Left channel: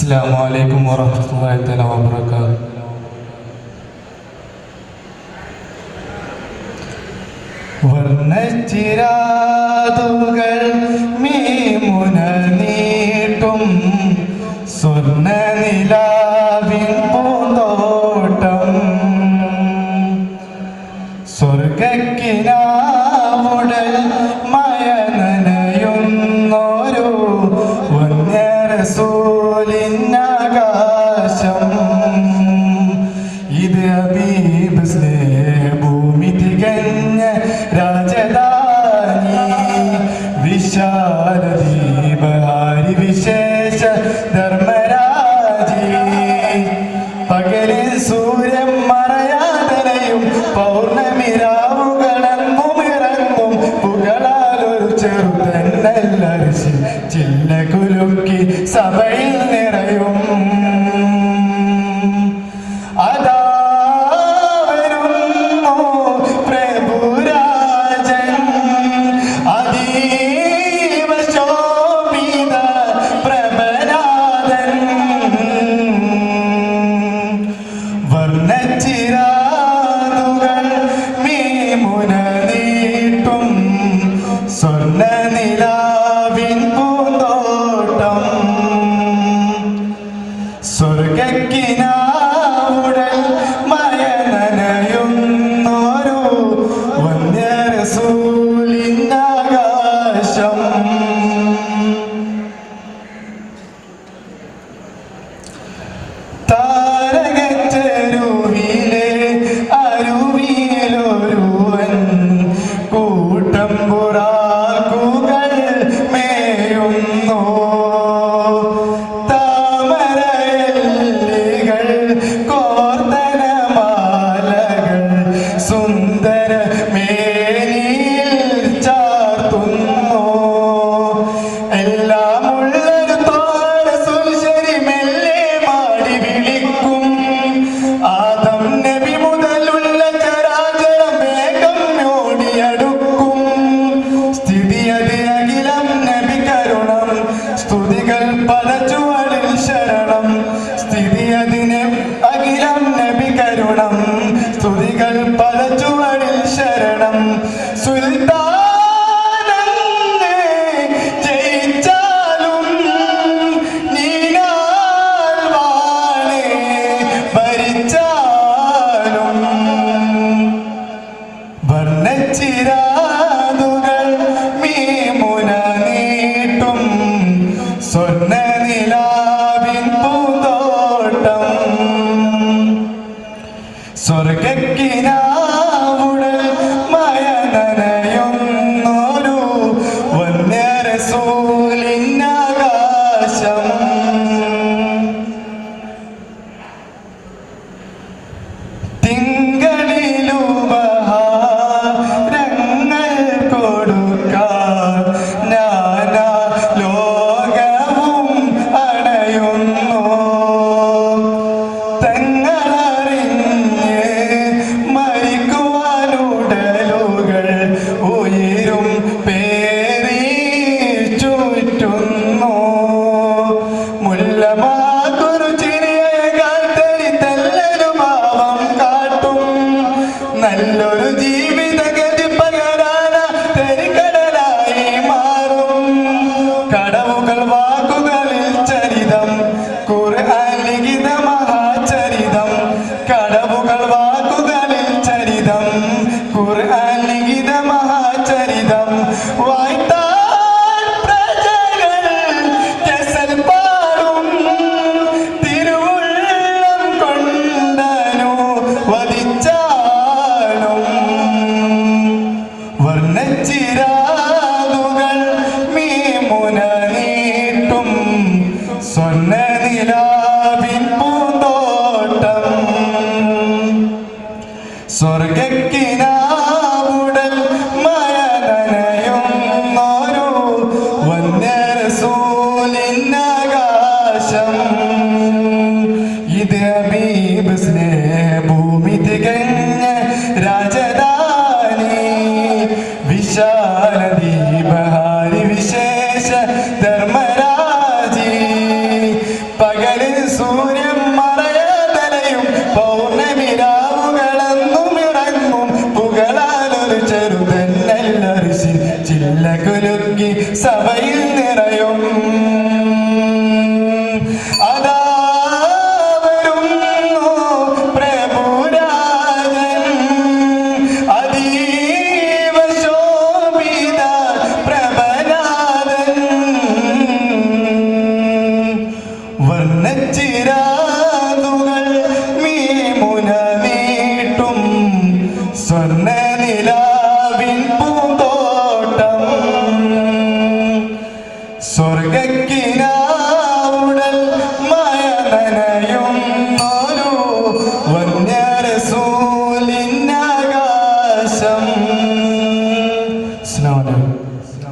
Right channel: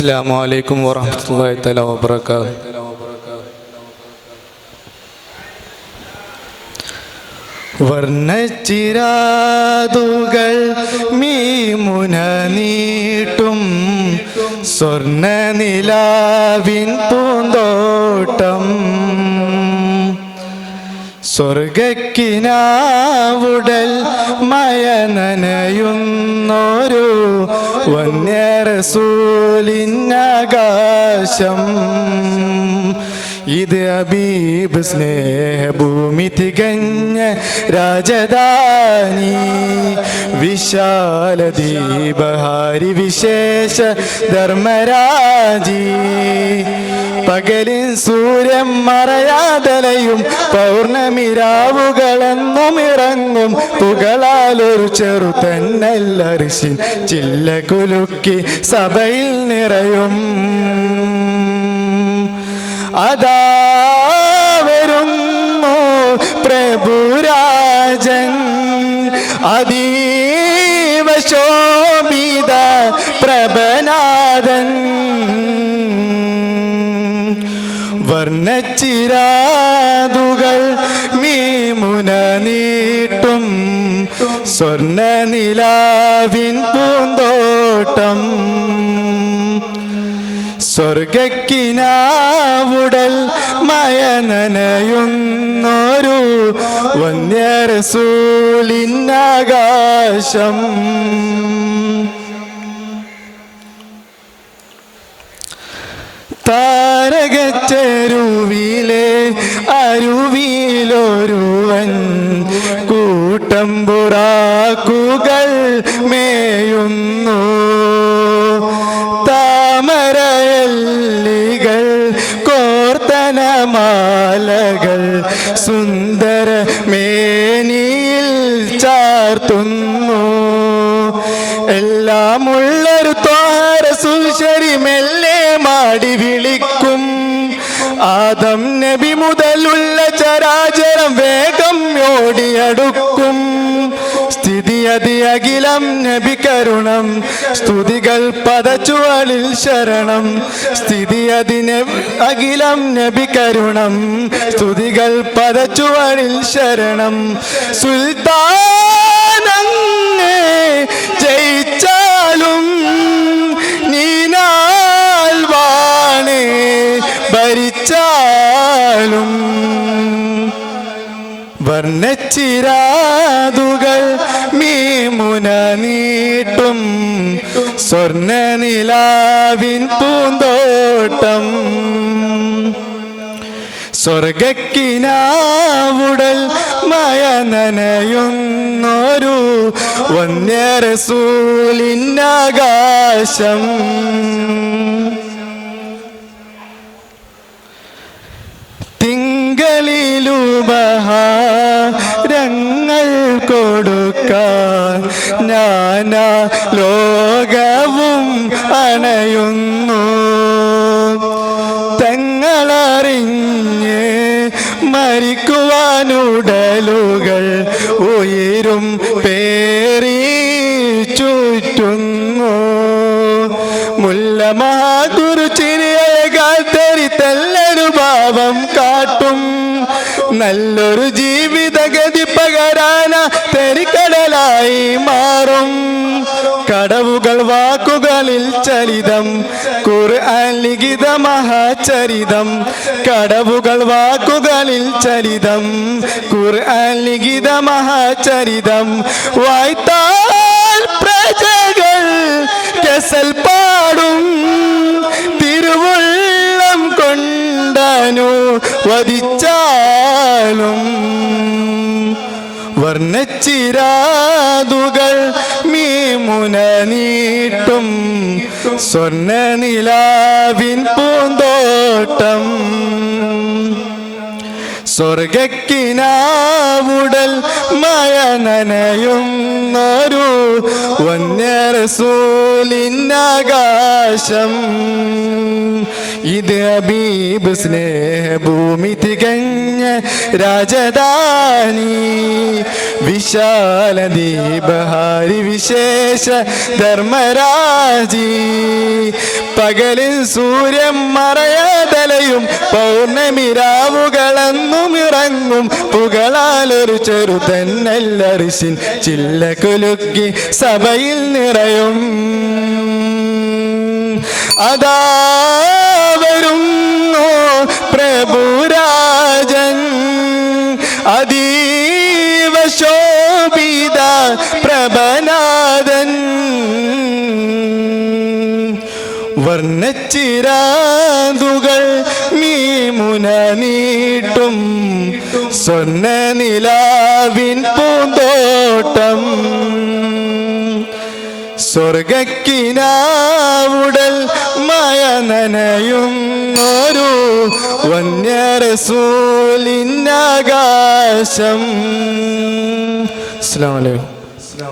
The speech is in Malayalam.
അസ്സലാമു അലൈക്കും വറഹ്മത്തുള്ളാഹി തആല വബറകാതുഹു. വർണ്ണച്ചിരാതുകൾ മീമുന നീട്ടും സ്വർണ്ണ നിലാവിൻ പൂന്തോട്ടം സ്വർഗക്കിനാവുടൽ മയനനയുന്നൊരു വന്യറസൂലിനാകാശം. ഇത് ഹബീബ് സ്നേഹഭൂമി തികഞ്ഞ രാജധാനി വിശാല ദീപഹാരി വിശേഷ ധർമ്മരാജി. പകലിൽ സൂര്യൻ മറയാതലയും പൗർണമി രാവുകളെന്നും ഇറങ്ങും പുകളാലൊരു ചെറുതന്നല്ലരിശി ചില്ല കുലുക്കി സഭയിൽ നിറയും. അതാ വരുന്നു പ്രഭുരാജൻ അതീവ ശോഭിത പ്രഭനാഥൻ. വർണ്ണച്ചിരാതുകൾ മീമുന നീട്ടും സ്വർണ്ണ നിലാവിൻ പൂന്തോട്ടം സ്വർഗക്കിനാവുടൽ മയനനയുന്നൊരു വന്യറസൂലിനാകാശം. താരകച്ചെരുവിലെ അരുവിയിലൊരുവൻ കൂട്ടം പുറാക്കുകൾ മേയുന്നു. താമരയല്ലികൾ കോർത്തനമാലകൾ സുന്ദര മേനിയിൽ ചാർത്തുന്നു. എല്ലാമുള്ളൊരു താരസുശരി മെല്ലെ മാടി വിളിക്കും. ആദം നബി മുതലുള്ള ചരാചരം വേഗം ഓടിയടുക്കും. സ്ഥിതി അതി അഖിലം നബി കരുണം സ്തുതികൾ പദച്ചുവടിൽ ശരണം. സ്ഥിതി അതിന് അഖിലം നബി കരുണം സ്തുതികൾ പദച്ചുവടിൽ ശരണം. സുൽത്താനങ്ങേ ജയിച്ചാലും നീനാൽ വാണേ ഭരിച്ചാലും. വർണ്ണച്ചിരാതുകൾ മീമുന നീട്ടും സ്വർണ്ണ നിലാവിൻ പൂന്തോട്ടം സ്വർഗക്കിനാവുടൽ മയനനയുന്നൊരു വന്യറസൂലിനാകാശം. തിങ്കളിലുപഹാരങ്ങൾ കൊടുക്കാൻ നാനാ ലോകവും അണയുന്നു. തങ്ങളറിഞ്ഞ് മരിക്കുവാനുടലുകൾ ഉയരും പേറി ചുറ്റുന്നു. മുല്ലമാകുരു ചിരിയേകാൽ തെരിത്തല്ലൊരു ഭാവം കാട്ടും. നല്ലൊരു ജീവിതഗതി പകരാന തെരിക്കടലായി മാറും. കടവുകൾ വാക്കുകളിൽ ചരിതം ഖുർആൻ ലിഖിത മഹാചരിതം. കടവുകൾ വാക്കുകളിൽ ചരിതം ഖുർആൻ ലിഖിത മഹാചരിതം. വായ്ത്താൽ പ്രജകൾ കെസൽ പാടും തിരുവുള്ളം കൊണ്ടനു വധിച്ചാലും. വർണ്ണച്ചിരാതുകൾ മീമുന നീട്ടും സ്വർണ്ണ നിലാവിൻ പൂന്തോട്ടം സ്വർഗക്കിനാവുടൽ മയനനയുന്നൊരു വന്യറസൂലിനാകാശം. ഇത് ഹബീബ് സ്നേഹഭൂമി തികഞ്ഞ രാജധാനി വിശാല ദീപഹാരി വിശേഷ ധർമ്മരാജി. പകൽ പുകളാലൊരു ചെറുതന്നല്ലറിശിൻ ചില്ല കുലുക്കി സഭയിൽ നിറയും അതാ വരുന്നു പ്രഭുരാജൻ അതീവ ശോഭിത പ്രഭനാഥൻ വർണ്ണച്ചിരാതുകൾ മീമുന നീട്ടും സ്വർണ്ണ നിലാവിൻ പൂന്തോട്ടം സ്വർഗക്കിനാവുടൽ മയ നനയും ഒരു വന്യരസൂലിൻ ആകാശം. അസ്സലാമു അലൈക്കും.